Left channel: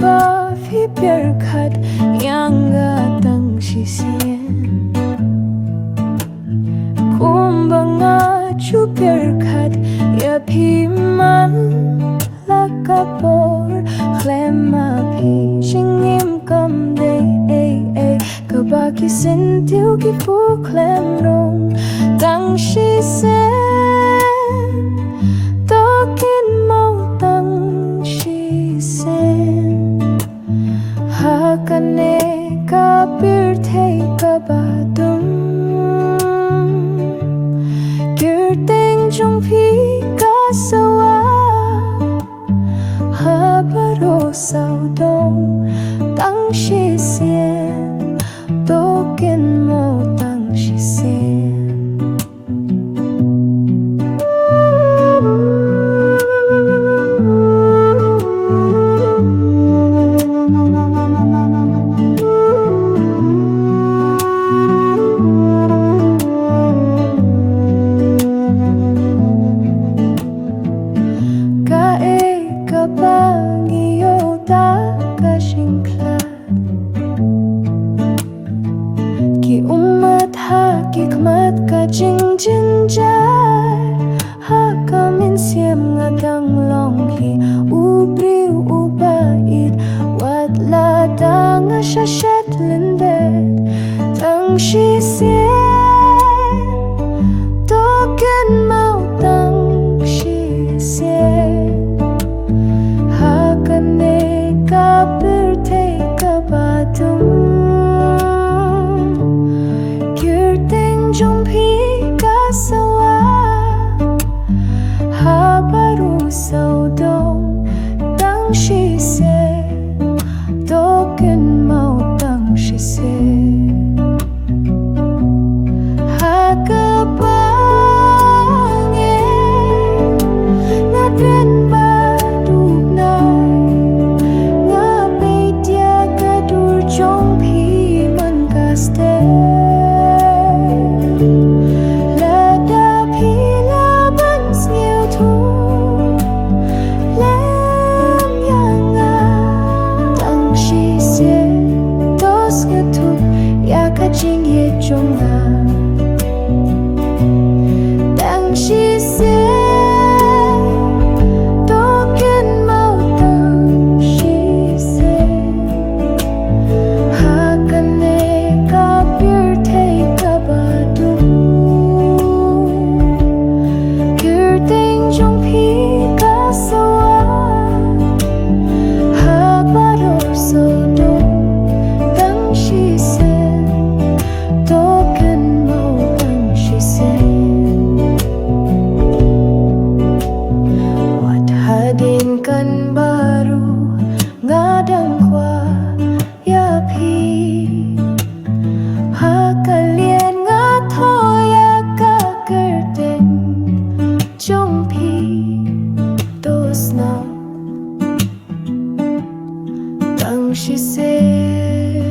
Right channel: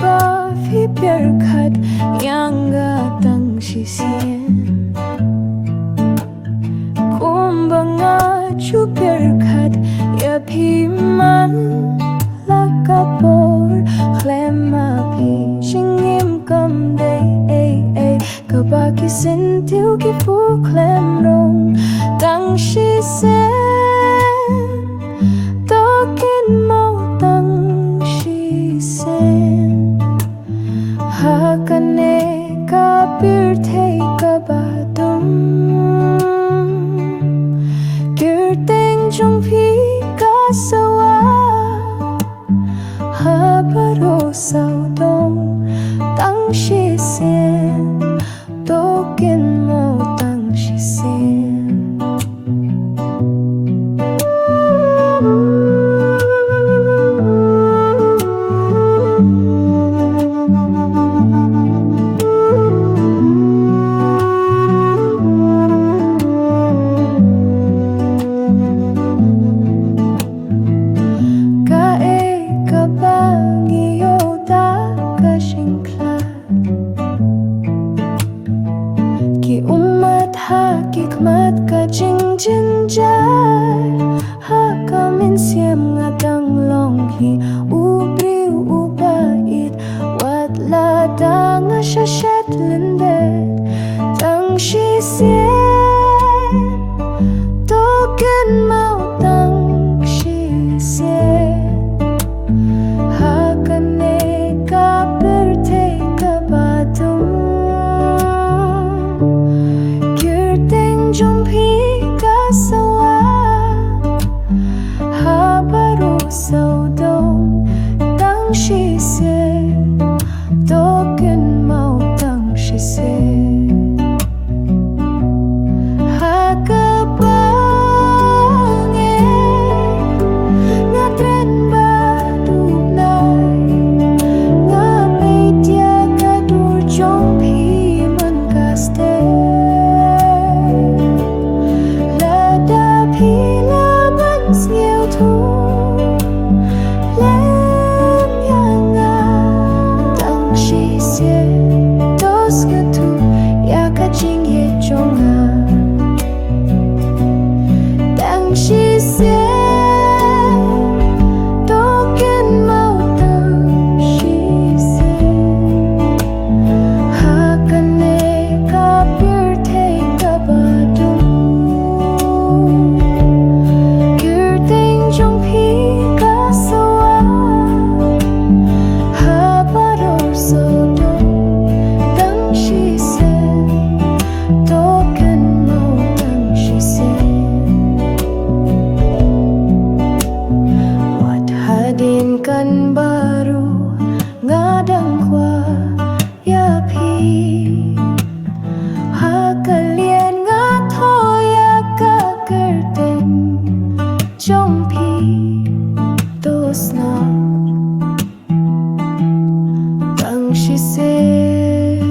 ba phi per khat yang ga tang shisien kumba nga chu per khat ya phi man la ka por khyllem ma phi shingim kam day ka ba ki sin tiu ki pu khyllem rong tang shisien to Kynmaw Tang Shisien hakane ka birthday ka ba dum Kyrteng trong phi ka sawa ha baro sao dong Tang Shisien to Kynmaw Tang Shisien Jingieit Kaba mynsiem ngadang long hi ubriu ubait wat la dang shashet lindet Tang Shisien to Kynmaw Tang Shisien hakane ka birthday ka ba dum Kyrteng trong phi sawa ha baro sao dong Tang Shisien to Kynmaw Tang Shisien ha ka bang nga tren ba dup nai nga pe tia ka dur trong phi man ka ste Hila mynsiem lem yang Tang Shisien dos ga thu ya ka jingieit jonga Tang Shisien to Kynmaw Tang Shisien hakane ka birthday ka ba dum trong phi ka sawa ha baro sao dong Tang Shisien to Kynmaw Tang Shisien wat hadien kan baru ngadang kwa ya phi ha kalien nga thoh ya ka Kyrteng trong phi to sna Tang Shisien